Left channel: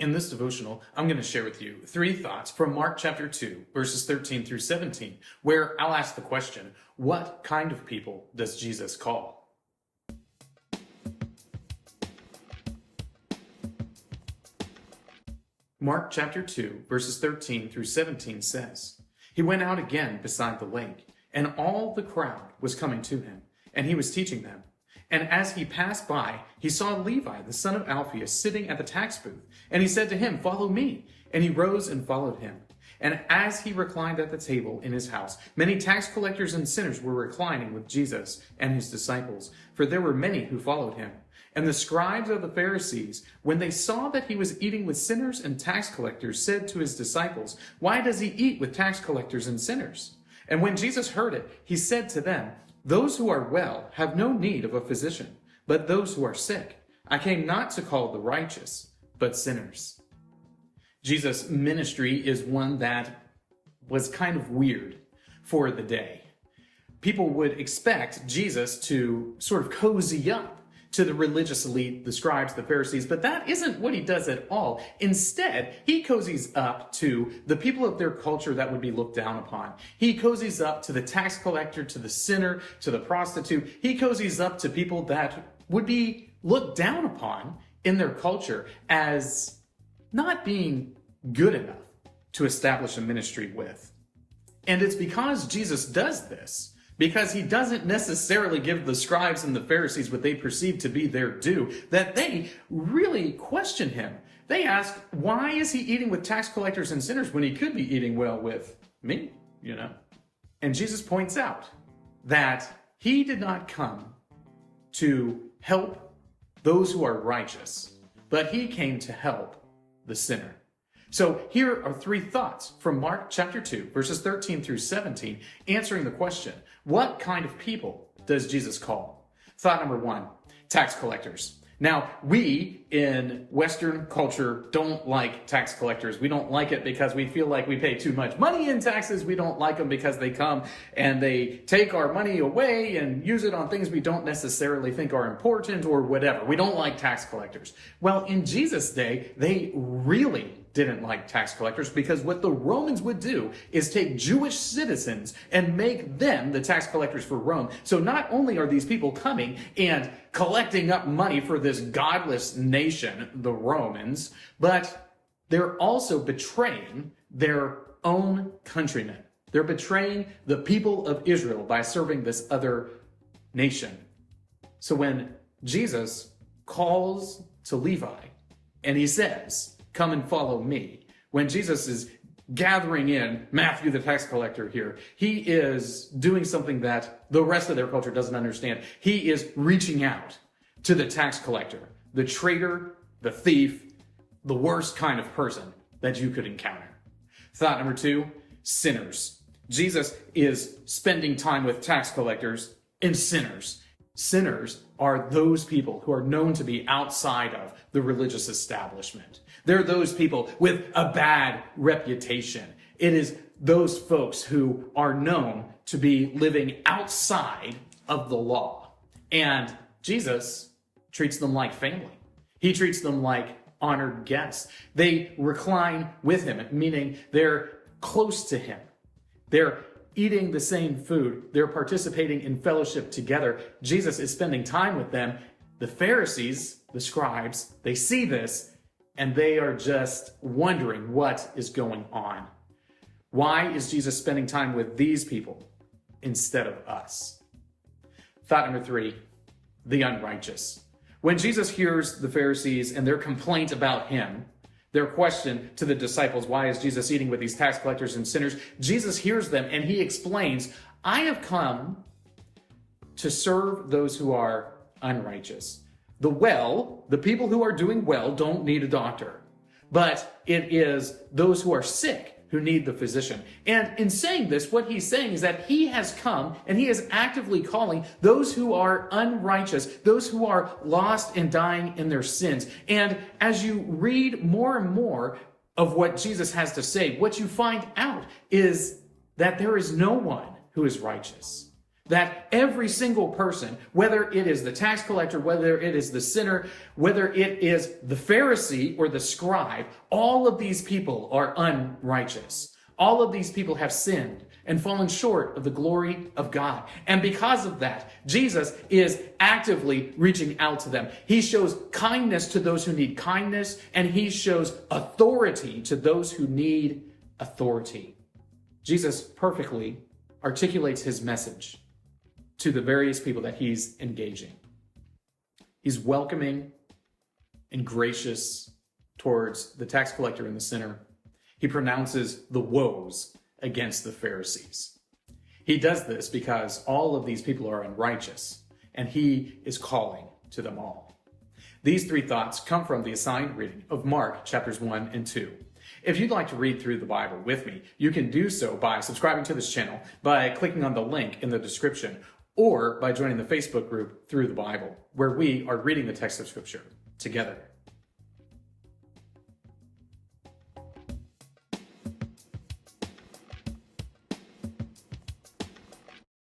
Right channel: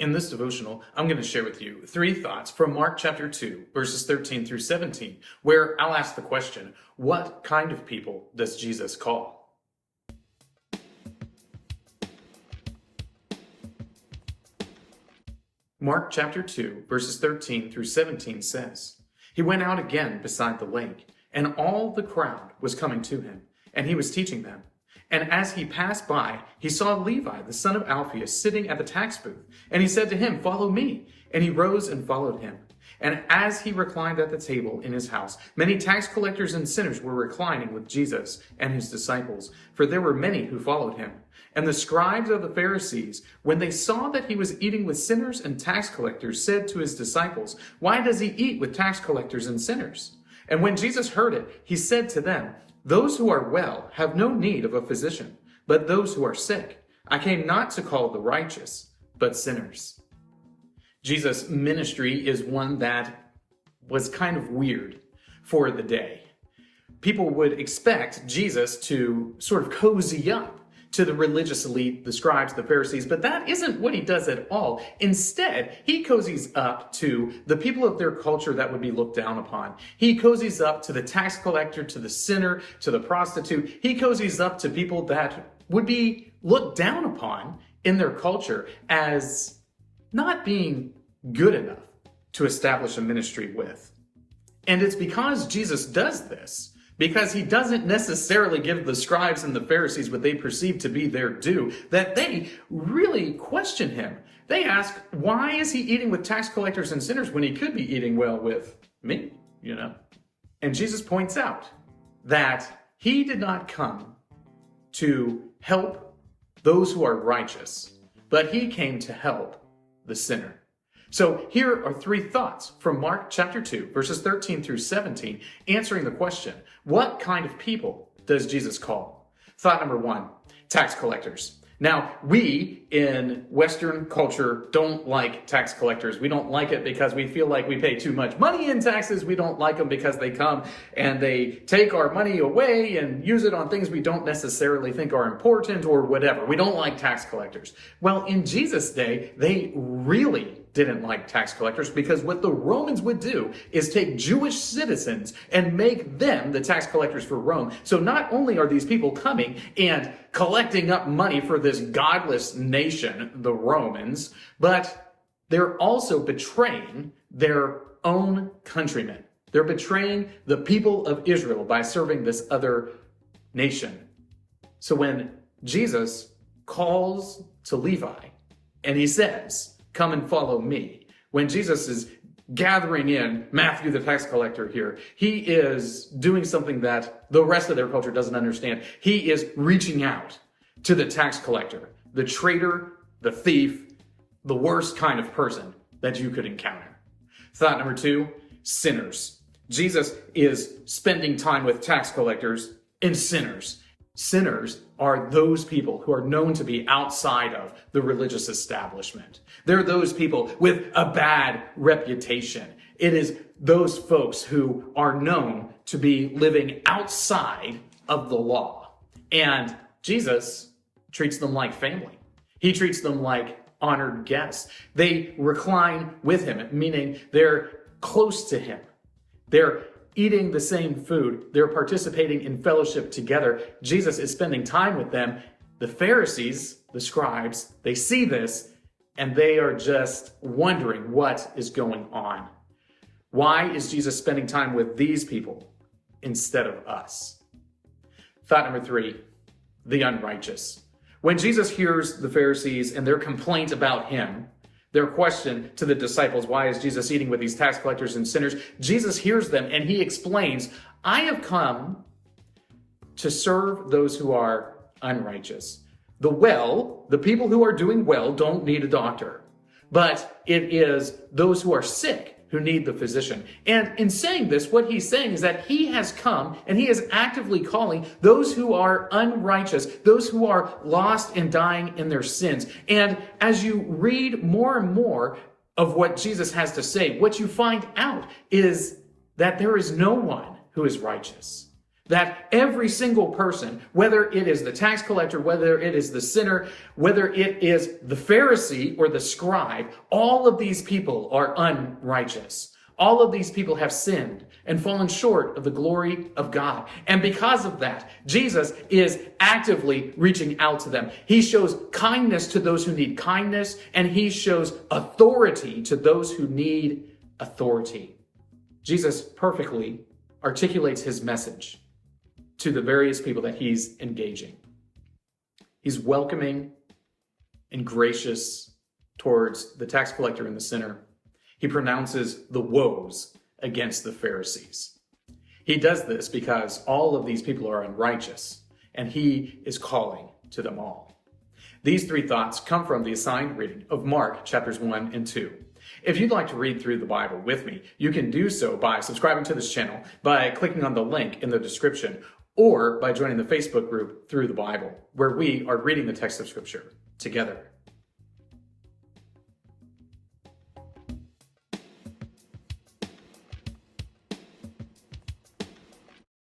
In this devotional, I'm going to share with you 3 thoughts from Mark chapter 2, verses 13 through 17, where I'll ask the question, what kind of people does Jesus call? Mark chapter 2, verses 13 through 17 says, "He went out again beside the lake, and all the crowd was coming to him, and he was teaching them. And as he passed by, he saw Levi, the son of Alphaeus, sitting at the tax booth. And he said to him, 'Follow me.' And he rose and followed him. And as he reclined at the table in his house, many tax collectors and sinners were reclining with Jesus and his disciples, for there were many who followed him. And the scribes of the Pharisees, when they saw that he was eating with sinners and tax collectors, said to his disciples, 'Why does he eat with tax collectors and sinners?' And when Jesus heard it, he said to them, 'Those who are well have no need of a physician, but those who are sick. I came not to call the righteous, but sinners.'" Jesus' ministry is one that was kind of weird for the day. People would expect Jesus to sort of cozy up to the religious elite, the scribes, the Pharisees, but that isn't what he does at all. Instead, he cozies up to the people of their culture that would be looked down upon. He cozies up to the tax collector, to the sinner, to the prostitute. He cozies up to people that would be looked down upon in their culture as not being good enough to establish a ministry with. And it's because Jesus does this, because he doesn't necessarily give the scribes and the Pharisees what they perceive to be their due, that they really question him. They ask, why is he eating with tax collectors and sinners when he could be eating well with me, And Jesus points out that he did not come to help those who are righteous, but he came to help the sinner. So here are 3 thoughts from Mark chapter 2, verses 13 through 17, answering the question, what kind of people does Jesus call? Thought number 1, tax collectors. Now, we in Western culture don't like tax collectors. We don't like it because we feel like we pay too much money in taxes. We don't like them because they come and they take our money away and use it on things we don't necessarily think are important or whatever. We don't like tax collectors. Well, in Jesus' day, they really didn't like tax collectors, because what the Romans would do is take Jewish citizens and make them the tax collectors for Rome. So not only are these people coming and collecting up money for this godless nation, the Romans, but they're also betraying their own countrymen. They're betraying the people of Israel by serving this other nation. So when Jesus calls to Levi and he says, "Come and follow me," when Jesus is gathering in Matthew the tax collector here, he is doing something that the rest of their culture doesn't understand. He is reaching out to the tax collector, the traitor, the thief, the worst kind of person that you could encounter. Thought number 2, sinners. Jesus is spending time with tax collectors and sinners. Sinners are those people who are known to be outside of the religious establishment. They're those people with a bad reputation. It is those folks who are known to be living outside of the law. And Jesus treats them like family. He treats them like honored guests. They recline with him, meaning they're close to him. They're eating the same food. They're participating in fellowship together. Jesus is spending time with them. The Pharisees, the scribes, they see this and they are just wondering what is going on. Why is Jesus spending time with these people instead of us? Thought number 3, the unrighteous. When Jesus hears the Pharisees and their complaint about him, their question to the disciples, why is Jesus eating with these tax collectors and sinners? Jesus hears them and he explains, I have come to serve those who are unrighteous. The people who are doing well don't need a doctor, but it is those who are sick who need the physician. And in saying this, what he's saying is that he has come and he is actively calling those who are unrighteous, those who are lost and dying in their sins. And as you read more and more of what Jesus has to say, what you find out is that there is no one who is righteous. that every single person, whether it is the tax collector, whether it is the sinner, whether it is the Pharisee or the scribe, all of these people are unrighteous. All of these people have sinned and fallen short of the glory of God. And because of that, Jesus is actively reaching out to them. He shows kindness to those who need kindness, and he shows authority to those who need authority. Jesus perfectly articulates his message to the various people that he's engaging. He's welcoming and gracious towards the tax collector and the sinner. He pronounces the woes against the Pharisees. He does this because all of these people are unrighteous, and he is calling to them all. These three thoughts come from the assigned reading of Mark chapters 1 and 2. If you'd like to read through the Bible with me, you can do so by subscribing to this channel, by clicking on the link in the description, or by joining the Facebook group Through the Bible, where we are reading the text of Scripture together.